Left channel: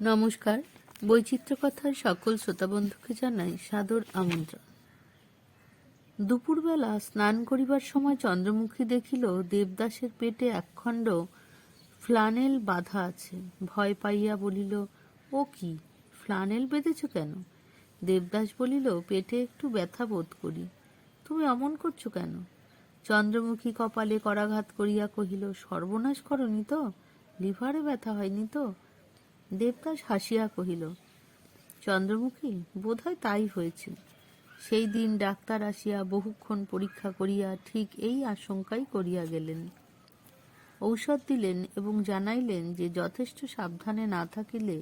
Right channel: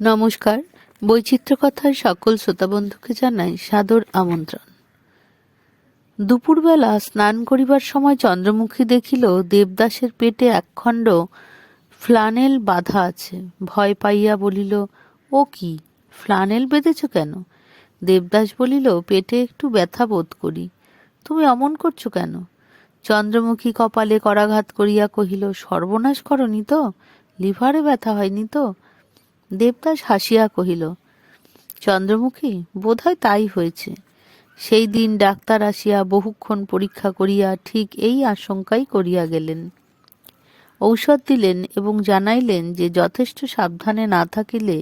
নমস্কার। বৈচিত্র্য কথার সকল শ্রোতাবন্ধুকে জানাই সাদর আমন্ত্রণ। দুপুরবেলা স্নান করিবার সময় চন্দ্রমুখী দেখিল দেবদাসের পেটে একখণ্ড ফ্লানেল বাঁধা আছে। ভয় পাইয়া বলিল, ও কি, ফ্লানেল বেঁধেছ কেন? দেবদাস বলিল, পেটে একটু ব্যথা বোধ করি। তুমি অমন করছো কেন? চন্দ্রমুখী কপালে করাঘাত করিয়া কহিল, সর্বনাশ করনি তো? লিভারে ব্যথা হয়নি তো? দেবদাস হাসিয়া কহিল, চন্দ্রমুখী, বোধহয় তাই হয়েছে। সেই দিন ডাক্তার আসিয়া বহুক্ষণ পরীক্ষা করিয়া ঠিক এই আশঙ্কাই করিয়া গেলেন। ঔষধ দিলেন এবং জানাইলেন যে যথেষ্ট সাবধানে না থাকিলে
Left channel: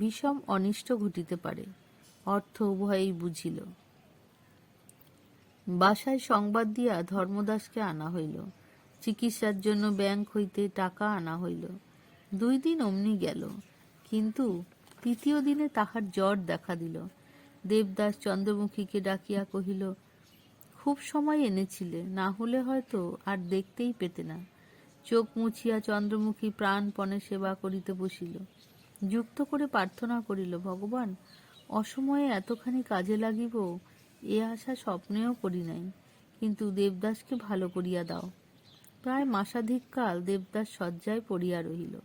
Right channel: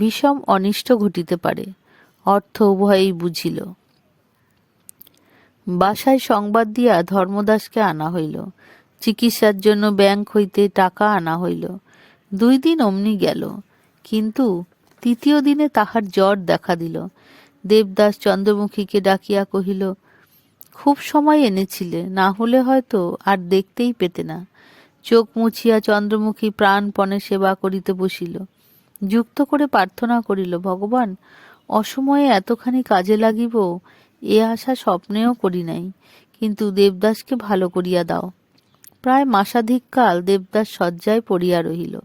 বিষম অনিষ্ট ঘটিতে পারে। অর্থ উভয়েই বুঝিল। বাসায় সংবাদ দিয়া ধর্মদাসকে আনা হইল। চিকিৎসার জন্য ব্যাংক হইতে টাকা আনা হইল। 2 দিন অমনি গেল, কিন্তু তৃতীয় দিনে তাহার জ্বর দেখা দিল। দেবদাস চন্দ্রমুখীকে ডাকিয়া কহিল, খুব সময় এনেছিলে, না হলে হয়তো আর দেখতেই পেতে না। চোখ মুছিয়া চন্দ্রমুখী প্রাণপণে সেবা করিতে বসিল। যুক্ত করে প্রার্থনা করিল, ভগবান, অসময়ে এতখানি কাজে লাগিব এ আশা স্বপ্নেও করি নাই, কিন্তু দেবদাসকে ভালো করিয়া দাও। প্রায় মাসাধিক কাল দেবদাস শয্যায় পড়িয়া রহিল।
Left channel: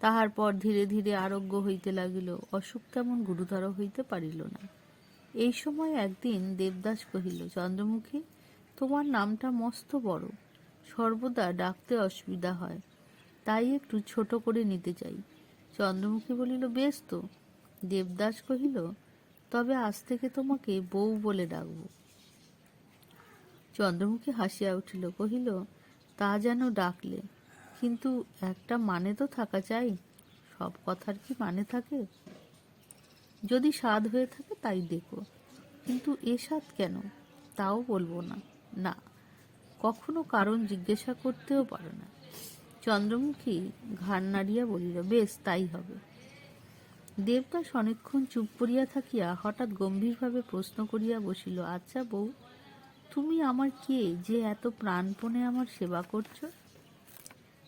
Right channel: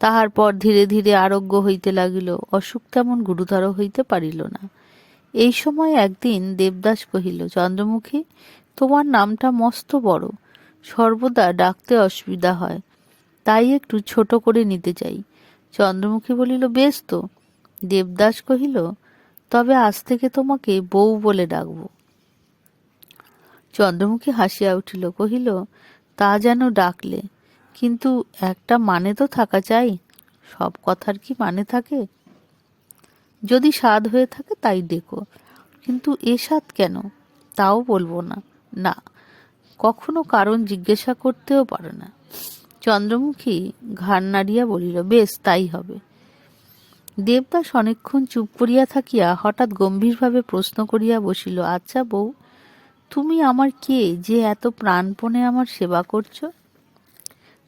তাহার পর ধীরে ধীরে আরোগ্য হইতে লাগিল। অসুখ তেমন গুরুতর হইতে পারিল না। এই সময় একদিন দেবদাস কহিল, চন্দ্রমুখী, তোমার নামটা মস্ত বড়, সর্বদা ডাকতে অসুবিধা হয়, তাই একটু ছোট করে নিতে চাই। চন্দ্রমুখী বলিল, বেশ তো। দেবদাস কহিল, তবে আজ থেকে তোমাকে বউ বলে ডাকব। চন্দ্রমুখী হাসিয়া উঠিল, কহিল, তা যেন ডাকলে, কিন্তু একটা মানে তো থাকা চাই। সব কথার কি মানে থাকে? যদি স্বাদ হয়ে থাকে তাই ডেকো, কিন্তু এ স্বাদ কেন তাও বলবো না। না, কখনো কারণ জিজ্ঞাসা করতেও পারো না। চন্দ্রমুখী ঘাড় নাড়িয়া বলিল, বেশ, তাই হবে। দেবদাস অনেকক্ষণ চুপ করিয়া থাকিয়া হঠাৎ গম্ভীরভাবে প্রশ্ন করিয়া বসিল, আচ্ছা বউ, তুমি আমার কে যে এত প্রাণপণে আমার সেবা করছ?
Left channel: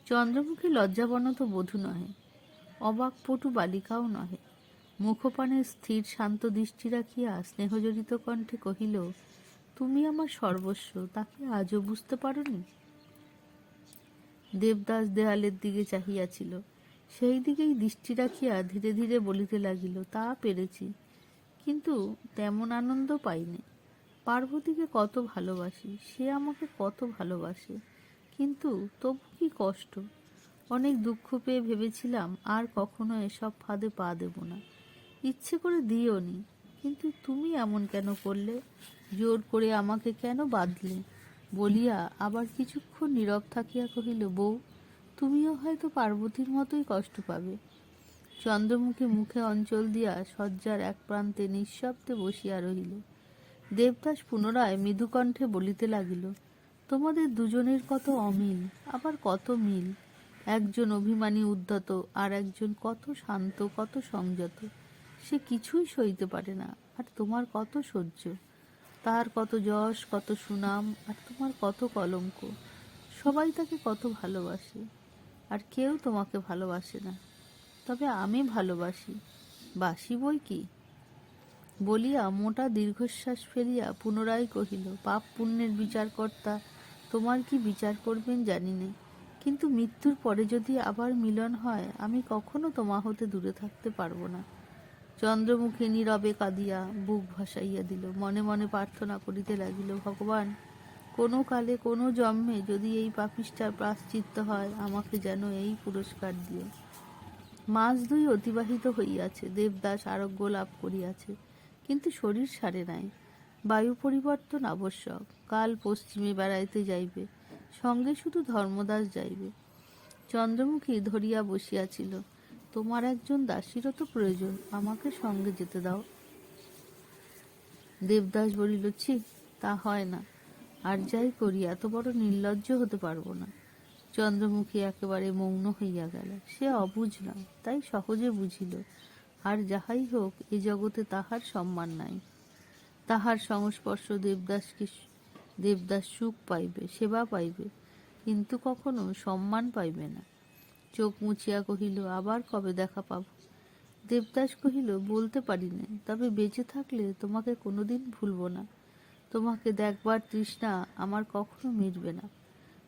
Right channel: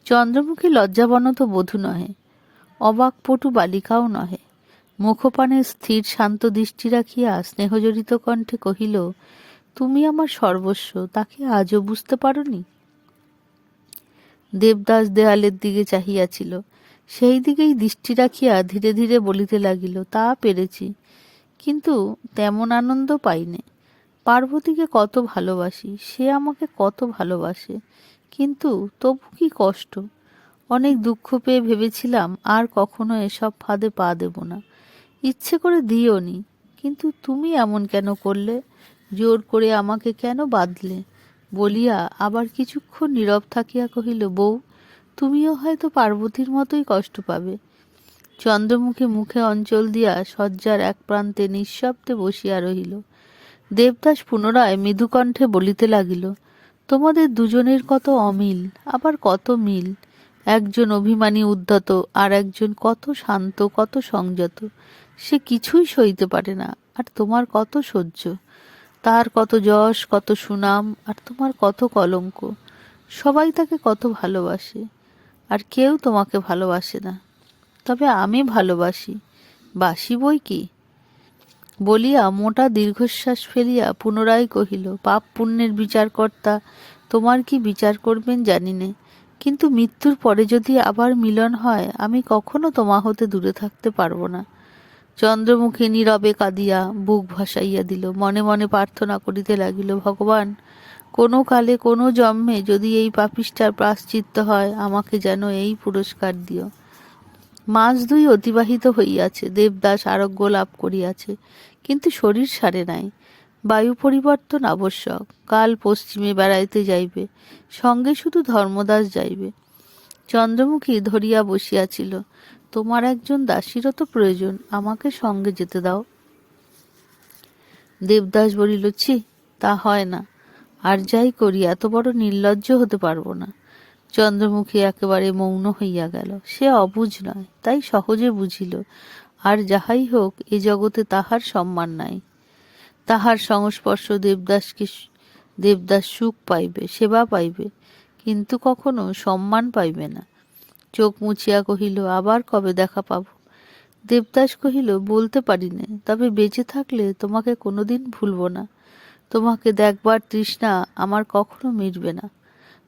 চন্দ্রমুখী লজ্জাবনত বধূ নহে, অবাকপটু বালিকাও নহে। মুখপানে স্থির শান্ত দৃষ্টি রাখিয়া স্নেহজড়িত কণ্ঠে কহিল, তুমি আমার সর্বস্ব, তাকে আজও বুঝতে পারোনি? দেবদাস দেয়ালের দিকে চাহিয়াছিল। সেই দিকেই দৃষ্টি রাখিয়া ধীরে ধীরে বলিতে লাগিল, তা পেরেছি, কিন্তু তেমন আনন্দ পাইনে। পার্বতীকে কত ভালোবাসি, সে আমাকে কত ভালোবাসে, কিন্তু তবু কি কষ্ট। অনেক দুঃখ পেয়ে ভেবেছিলাম আর কখনো এসব ফাঁদে পা দেব না। ইচ্ছে করে দিওনি, কিন্তু তুমি এমন কেন করলে? জোর করে আমাকে কেন বাঁধলে? বলিয়া আবার কিছুক্ষণ নীরব থাকিয়া কহিল, বউ, তুমিও হয়তো পার্বতীর মতোই কষ্ট পাবে। চন্দ্রমুখী মুখে অঞ্চল দিয়া শয্যার এক প্রান্তে নিঃশব্দে বসিয়া রহিল। দেবদাস পুনরায় মৃদুকণ্ঠে বলিতে লাগিল, তোমাদের দুজনের কত অমিল, আবার কত মিল। একজন অভিমানী উদ্ধত, আর একজন কত শান্ত, কত সংযত। সে কিছুই সইতে পারে না, আর তোমার কত সহ্য। তার কত যশ, কত সুনাম, আর তোমার কত কলঙ্ক। সবাই তাকে কত ভালোবাসে, আর কেউ তোমাকে ভালোবাসে না। তবে আমি ভালোবাসি, বাসি বই কি। বলিয়া মোটা দীর্ঘশ্বাস ফেলিয়া পুনরায় কহিল, পাপ পুণ্যের বিচারকর্তা তোমার কি বিচার করবেন জানি নে, কিন্তু মৃত্যুর পরে যদি আবার মিলন হয়, আমি কখনো তোমা হতে দূরে থাকতে পারবো না। চন্দ্রমুখী নীরবে কাঁদিয়া বুক ভাসাইয়া দিল। মনে মনে প্রার্থনা করিতে লাগিল, ভগবান, কোনো কালে কোনো জন্মে যদি এই পাপিষ্ঠার প্রায়শ্চিত্ত হয়, আমাকে যেন এই পুরস্কার দিও। মাস 2 অতিবাহিত হইয়াছে। দেবদাস আরোগ্য লাভ করিয়াছে, কিন্তু শরীর সারে নাই। বায়ু পরিবর্তন আবশ্যক। কাল পশ্চিমে বেড়াইতে যাইবে, সঙ্গে শুধু ধর্মদাস যাইবে। চন্দ্রমুখী ধরিয়া বসিয়াছিল, তোমার একজন দাসীরও তো প্রয়োজন, আমাকে সঙ্গে যেতে দাও। দেবদাস বলিল, ছি, তা হয় না। আর যাই করি এত বড় নির্লজ্জ হতে পারবো না। চন্দ্রমুখী একেবারে মৌন হইয়া গেল। সে অবুঝ নয়, তাই সহজে বুঝিল, আর যাহাই হোক এ জগতে তাহার সম্মান নাই। তাহার সংস্পর্শ দেবদাস সুখ পাইবে, সেবা পাইবে, কিন্তু কখনো সম্মান পাইবে না। চোখ মুছিয়া কহিল, আবার কবে দেখা পাব? দেবদাস কহিল, বলতে পারি নে, তবে বেঁচে থাকলে তোমাকে কোনোদিন ভুলব না। তোমাকে দেখবার তৃষ্ণা আমার কখনো মিটবে না।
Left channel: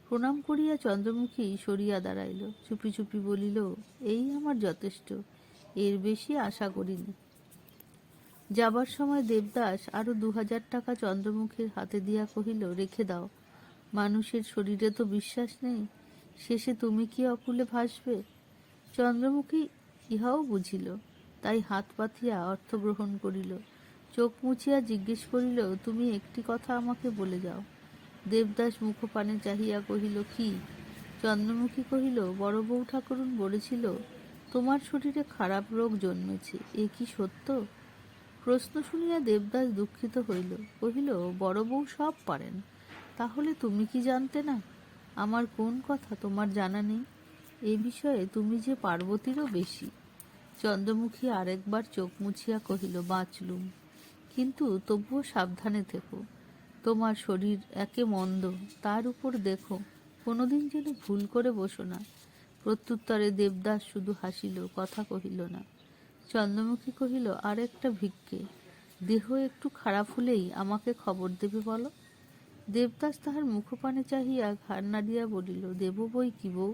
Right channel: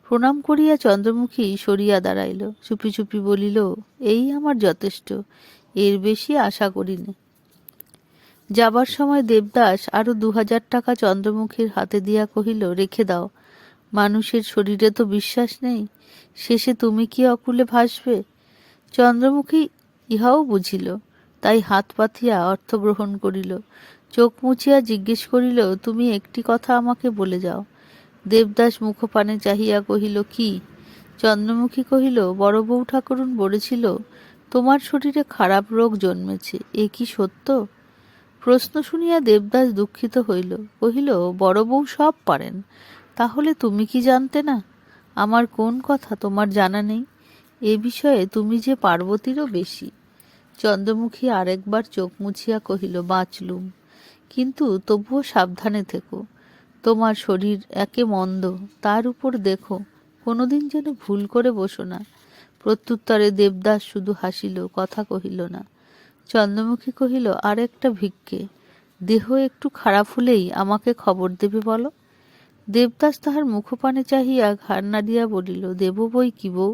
প্রণাম করিয়া চন্দ্রমুখী সরিয়া দাঁড়াইল। চুপি চুপি বলিল, এই আমার যথেষ্ট, এর বেশি আশা করিনি। যাবার সময় দেবদাস আরো 2000 টাকা চন্দ্রমুখীর হাতে দিয়া কহিল, রেখে দাও, মানুষের শরীরে তো বিশ্বাস নেই, শেষে তুমি কি অকুলে ভাসবে। চন্দ্রমুখী ইহাও বুঝিল, তাই হাত পাতিয়া অর্থ গ্রহণ করিল। চোখ মুছিয়া জিজ্ঞেস করিল, তুমি একটি কথা আমাকে বলে যাও। দেবদাস মুখপানে চাহিয়া কহিল, কি? চন্দ্রমুখী কহিল, বড় বউ ঠাকুরুন বলেছিল তোমার শরীরে খারাপ রোগ জন্মেছে, এ কি সত্য? প্রশ্ন শুনিয়া দেবদাস দুঃখিত হইল, কহিল, বড় বউ সব পারেন, তাহলে তুমি কি জানতে না? আমার কোন কথা তোমার জানা নেই? এ বিষয়ে তুমি যে পার্বতীরও বেশি। চন্দ্রমুখী আরেকবার চোখ মুছিয়া কহিল, বাঁচলুম, কিন্তু তবুও সাবধানে থেকো। তোমার শরীর একে মন্দ, তার উপর দেখো কোনোদিন যেন ভুল করে বসো না। প্রত্যুত্তরে দেবদাস শুধু হাসিল, কথা কহিল না। চন্দ্রমুখী কহিল, আর একটা ভিক্ষে, দেহ একটু খারাপ হলেই আমাকে খবর দেবে বলো। দেবদাস তাহার মুখপানে চাহিয়া ঘাড় নাড়িয়া বলিল, দেব বই কি বউ।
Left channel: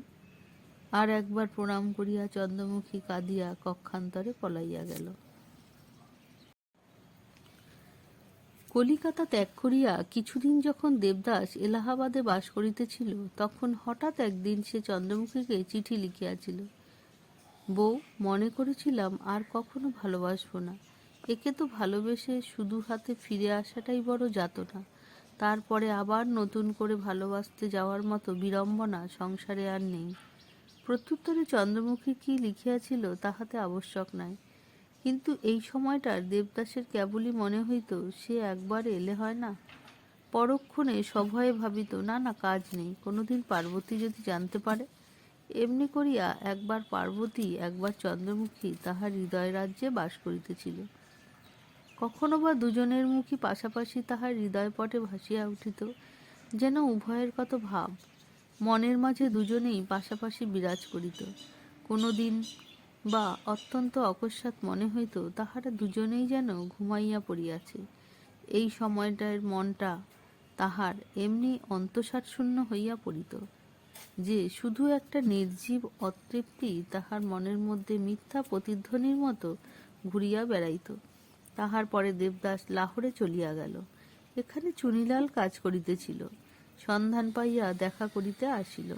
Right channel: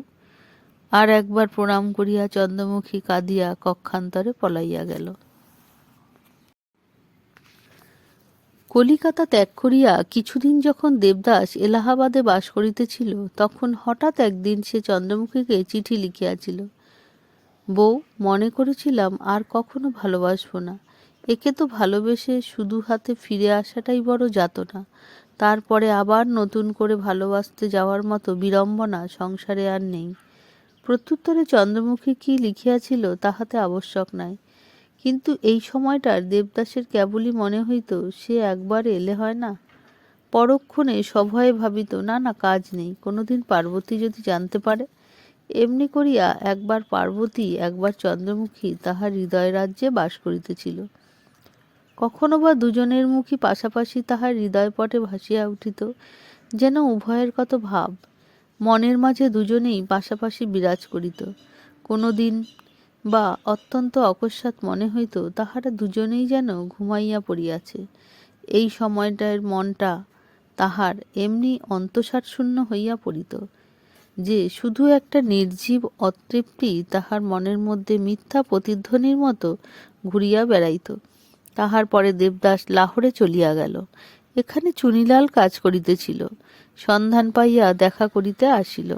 আর একবার প্রণাম করিয়া চন্দ্রমুখী কাঁদিয়া কক্ষান্তরে পলাইয়া গেল। কলিকাতা ত্যাগ করিয়া কিছুদিন যখন দেবদাস এলাহাবাদে বাস করিতেছিল, তখন হঠাৎ একদিন সে চন্দ্রমুখীকে চিঠি লিখিয়াছিল। বউ, মনে করেছিলাম আর কখনো ভালোবাসব না, একে তো ভালোবেসে শুধু হাতে ফিরে আসাটাই বড় যাতনা, তারপরে আবার নতুন করে ভালোবাসতে যাওয়ার মতো বিড়ম্বনা সংসারে আর নেই। প্রত্যুত্তরে চন্দ্রমুখী কি লিখিয়াছিল তাহাতে আবশ্যক নাই, কিন্তু এই সময়টার দেবদাসের কেবলই মনে হইত সে একবার এলে হয় না। পরক্ষণে সভয়ে ভাবিত, না না, কাজ নেই, কোনোদিন পার্বতী যদি জানতে পারে। এমনি করিয়া একবার পার্বতী একবার চন্দ্রমুখী তাহার হৃদয় রাজ্যে বাস করিতেছিল। কখনো বা দুজনের মুখই পাশাপাশি তাহার হৃদয়পটে ভাসিয়া উঠিত, যেন উভয়ের কত ভাব মনের মাঝে দুজনেই পাশাপাশি বিরাজ করিত। কোনো দিন বা অত্যন্ত অকস্মাৎ মনে হইত তাহারা দুজনেই যেন ঘুমাইয়া পড়িয়াছে। এই সময়টার মনটা তাহার এমনি অন্তঃসার শূন্য হইয়া পড়িত যে শুধু একটা নির্জীব অতৃপ্তি তাহার মনের মধ্যে মিথ্যা প্রতিধ্বনির মতো ঘুরিয়া বেড়াইত। তাহার পরে দেবদাস লাহোরে চলিয়া গেল। এখানে চুনিলাল কাজ করিতেছিল, সন্ধান পাইয়া দেখা করিতে আসিল।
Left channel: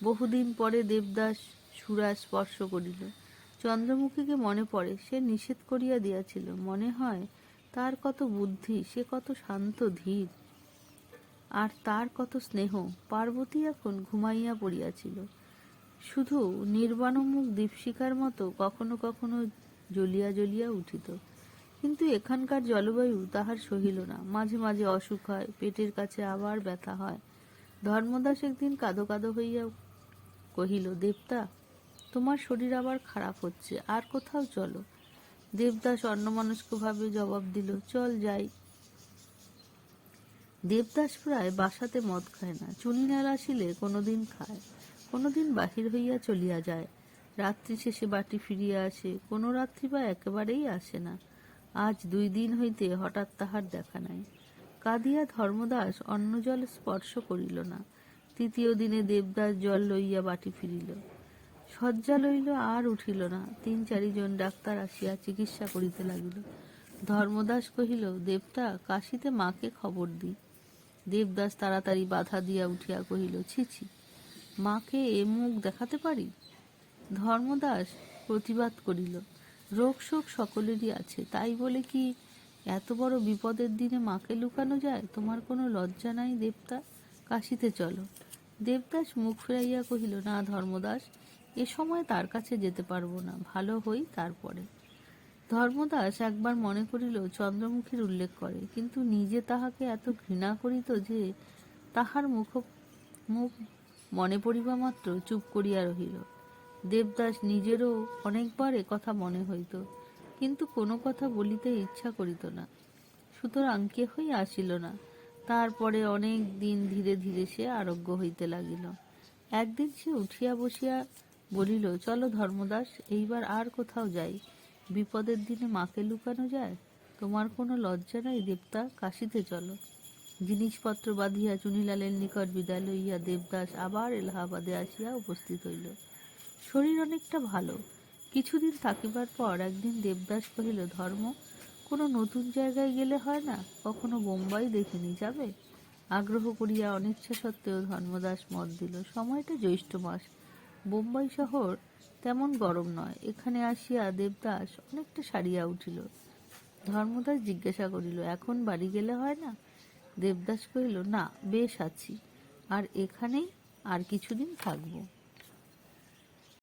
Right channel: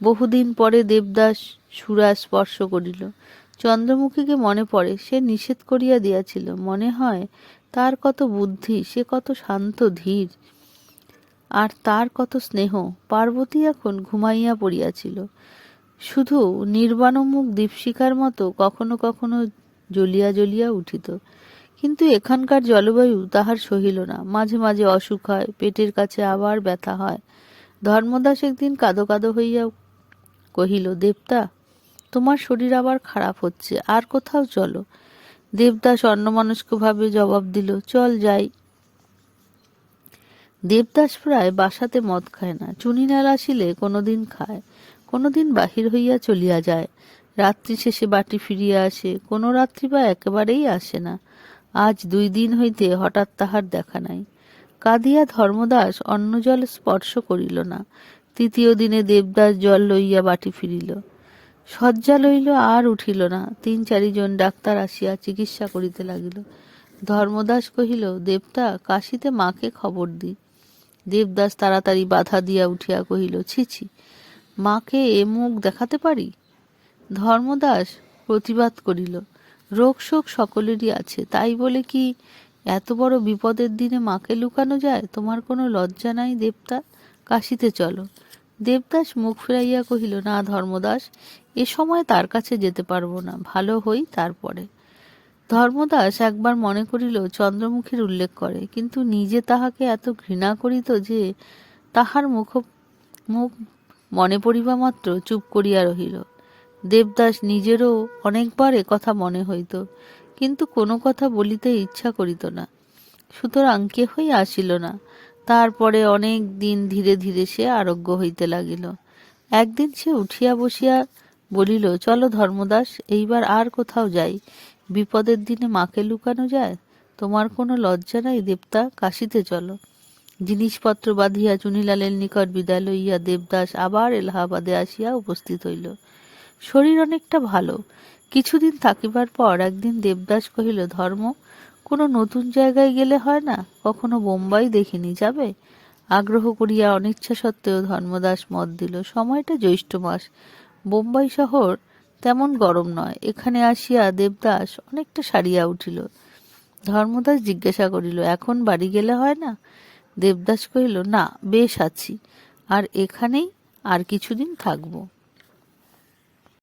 বহুদিন পরে দেবদাস সুরা স্পর্শ করিল। চন্দ্রমুখীকে মনে পড়ে, সে নিষেধ করিয়া দিয়াছিল। মনে হয় তার কত বুদ্ধি, সে কত শান্ত ধীর, আর তার কত স্নেহ। পার্বতী এখন ঘুমাইয়া পড়িয়াছিল, শুধু নির্বাণমুখ দীপশিখার মতো কখনো কখনো জ্বলিয়া জ্বলিয়া উঠিত। কিন্তু এখানকার জলবায়ু তাহার সহিল না। মাঝে মাঝে অসুখ হয়, পেটের কাছে আবার ব্যথা হয়। ধর্মদাস একদিন কাঁদো কাঁদো হইয়া কহিল, দেবতা, তোমার শরীর আবার খারাপ হচ্ছে, আর কোথাও চলো। দেবদাস অন্যমনস্কভাবে জবাব দিল, চল যাই। দেবদাস প্রায় বাসাতে মদ খায় না, চুনিলাল আসিলে কোনোদিন খায়, কোনোদিন বাহির হইয়া চলিয়া যায়। রাত্রি শেষে বাটি ফিরিয়া আসে, কোনো রাত্রি বা একেবারেই আসে না। আজ 2 দিন হইতে হঠাৎ তাহার দেখা নাই। কাঁদিয়া ধর্মদাস অন্ন জল স্পর্শ করিল না। তৃতীয় দিনে দেবদাস জল লইয়া বাটি ফিরিল, শয্যা লইল, আর উঠিল না। 3-4 জন ডাক্তার আসিয়া চিকিৎসা করিতে লাগিল। ধর্মদাস কহিল, দেবতা, কাশীতে মাকে খবর দিই। দেবদাস তাড়াতাড়ি বাধা দিয়া উঠিয়া কহিল, ছি ছি, মাকে এ মুখ দেখাতে পারি? ধর্মদাস প্রতিবাদ করিল, রোগ শোক সকলেরই আছে, তাই বলে কি এত বড় বিপদের দিনে মাকে লুকানো যায়? তোমার কোনো লজ্জা নাই দেবতা? কাশীতে চলো। দেবদাস মুখ ফিরাইয়া কহিল, না ধর্মদাস, এ সময় তার কাছে যেতে পারবো না, ভালো হই তারপরে। ধর্মদাস একবার মনে করিল চন্দ্রমুখীর উল্লেখ করে, কিন্তু নিজে তাহাকে এত ঘৃণা করিত যে তাহার মুখ মনে পড়িবা মাত্র চুপ করিয়া রহিল। দেবদাস নিজেরও অনেকবার কথা মনে হইত, কিন্তু কোনো কথা বলিতে ইচ্ছা করিত না, সুতরাং কেহই আসিল না। তারপরে অনেক দিন ধীরে ধীরে সে আরোগ্য হইতে লাগিল। একদিন সে উঠিয়া বসিয়া বলিল, চলো ধর্মদাস, এইবার আর কোথাও যাই। বিপদের দিনে মাকে লুকানো যায়? তোমার কোনো লজ্জা নাই দেবতা? কাশিতে চলো। জিনিসপত্র বাঁধিয়া চুনিলালের নিকট বিদায় লইয়া দেবদাস আবার এলাহাবাদে আসিয়া উপস্থিত হইল। শরীর অনেকটা ভালো। কিছুদিন থাকিবার পর একদিন দেবদাস কহিল, ধর্ম, কোনো নতুন জায়গায় গেলে হয় না? কখনো বোম্বাই দেখিনি, যাবে? আগ্রহ করিয়া অনিচ্ছা সত্ত্বেও ধর্মদাস মত দিল। সময়টা জ্যৈষ্ঠ মাস, বোম্বাই শহর তেমন গরম নয়। এখানে আসিয়া দেবদাস অনেকটা সারিয়া উঠিল। ধর্মদাস জিজ্ঞাসা করিল, এখন বাড়ি গেলে হয় না? দেবদাস কহিল, না, বেশ আছি, আর এখানেই আর কিছুদিন থাকব।